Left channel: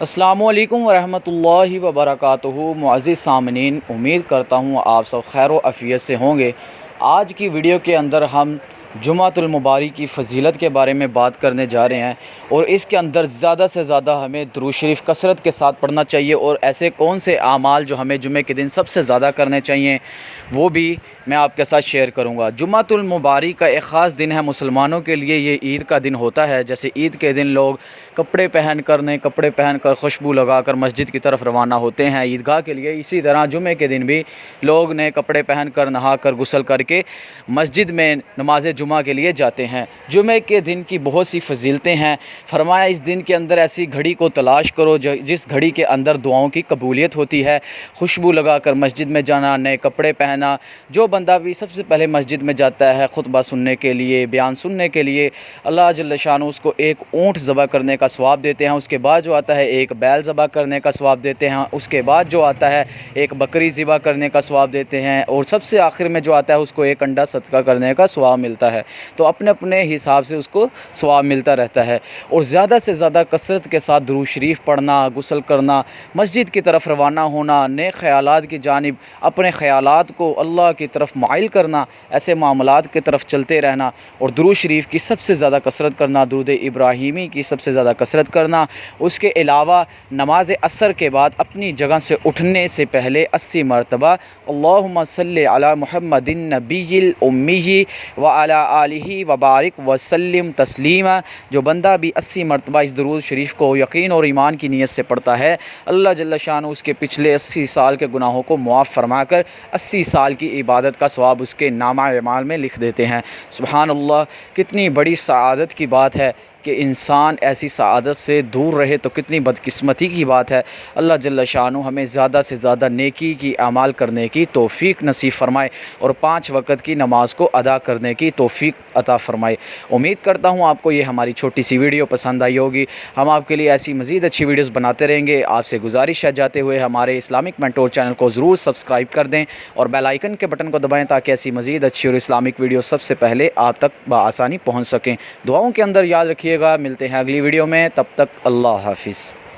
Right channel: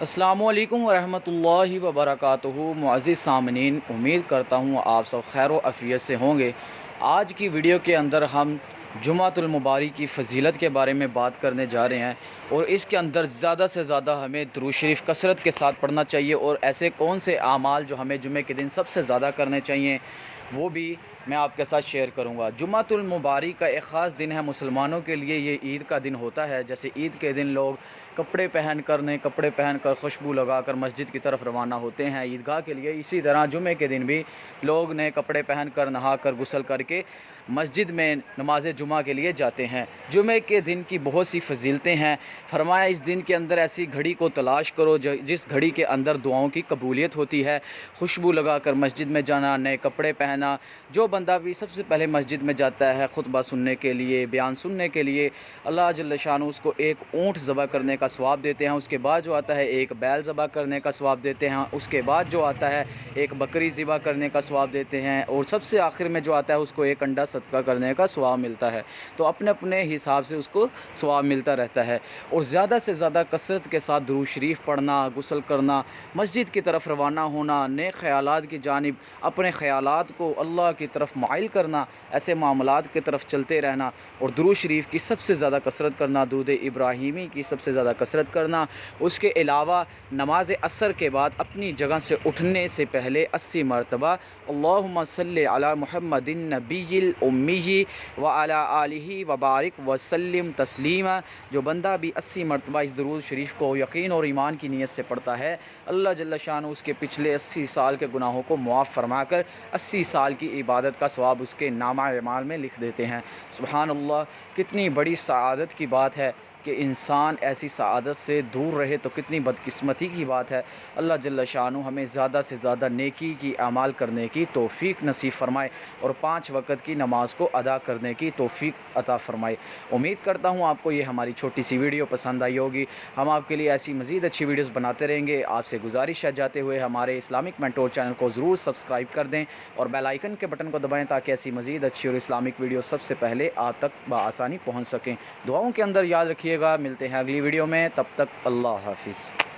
अस्सलामु अलैकुम वरहमतुल्लाहि वबरकातुहू। मुअज़्ज़िज़ सामनीन, उम्मीद करता हूँ आप सब खैर व आफ़ियत से होंगे। आज की वीडियो के अंदर हम जुमातुल मुबारक की फ़जीलत के बारे में बात करने जा रहे हैं और इसके अंदर ज़्यादा से ज़्यादा हमें दुरूद शरीफ कसरत के साथ पढ़ना चाहिए और ऐसे कौन से आमाल जो हमें जुमे के दिन सबसे ज़्यादा करने चाहिए वो भी मैं आपके साथ शेयर करूंगा। जुमातुल मुबारक का एक ख़ास दिन है मुसलमानों के लिए। ये ईद का दिन होता है। जैसे ईद के दिन लोग कपड़े पहन कर खुशबू लगा कर मस्जिद की तरफ रवाना होते हैं ईदगाह के लिए, इसी तरह जुमे के दिन भी लोग नए कपड़े पहन कर नहा कर गुस्ल करके मस्जिद में नमाज जुमा के लिए जाते हैं। जुमे के दिन की बहुत सी फजीलतें हैं। फरमाया इस दिन के अंदर ऐसी घड़ी को तलाश करो जिस घड़ी के अंदर दुआओं की कबूलियत होती है। खुशबू लगा कर मस्जिद में जाना, नए कपड़े पहना। जो बंदा भी सबसे पहले मस्जिद में जाता है खुतबा सुनने के लिए, बयान सुनने के लिए, अल्लाह जल्ल शान उसको एक ऊँट ज़बह करने का सवाब देते हैं। उसके बाद जो आता है एक बैल ज़बह करने का सवाब देते हैं। उसके बाद जो आता है एक बकरी ज़बह करने का सवाब देते हैं और सबसे आखिर में जो आता है उसको एक अंडा सदका करने का सवाब मिलता है। तो अपने अपने हिसाब से उसको सवाब मिलता रहता है। और ज़्यादा से ज़्यादा कसरत के साथ दुरूद शरीफ पढ़ना, गुस्ल करना, मस्जिद की तरफ रवाना होना, नेक ख़यालात की जानिब अपने ख़यालात को अल्लाह की तरफ माइल करना, ऐसे मामलात की तरफ चलते रहना और दुरूद शरीफ की सबसे ज़्यादा कसरत करना, दुरूद इब्राहीमी की सबसे ज़्यादा कसरत करना। उसके अलावा नमाज असर के बाद अपनी जगह से उठने से पहले 80 मरतबा अल्लाहुम्मा सल्ली अला मुहम्मदिन नबिय्यिल उम्मी व अला आलिहि व बारिक व सल्लिम तस्लीमा। जो बंदा भी 80 मरतबा इस दुरूद शरीफ को यकीन और ईमान की नीयत से पढ़ता है, अल्लाह जल्ल शान उसके पिछले 80 साल के गुनाहों को मुआफ़ फरमा कर 80 साल की इबादत का सवाब उसके नामा अमाल में लिख देते हैं। सुबहान अल्लाह, कितनी बड़ी सआदत की बात है कि इंसान ऐसी सआदत से दूर रहे तो कितनी बदकिस्मती की बात है। अल्लाह जल्ल शानु हमें ज़्यादा से ज़्यादा नेकी की अमाल करने की तौफ़ीक नसीब फ़रमाए और 5 वक़्त की नमाज़ को अदा करने की तौफ़ीक अता फ़रमाए। उम्मीद करता हूँ आपको ये हमारी छोटी सी वीडियो पसंद आई होगी। हम आपके लिए ऐसी मज़ीद अच्छी वीडियोज़ बनाते रहेंगे। आपसे गुजारिश है जाते हुए हमारे इस्लामिक मेंटोर चैनल को ज़रूर सब्सक्राइब कर दें और बेल आइकन के बटन को दबाएँ ताकि ऐसी मज़ीद अच्छी और इस्लामिक वीडियो सबसे पहले आप तक बआसानी पहुँच सकें। दुआओं के अंदर याद रखिए। मिलते हैं अगली वीडियो में, तब तक अल्लाह हाफिज़।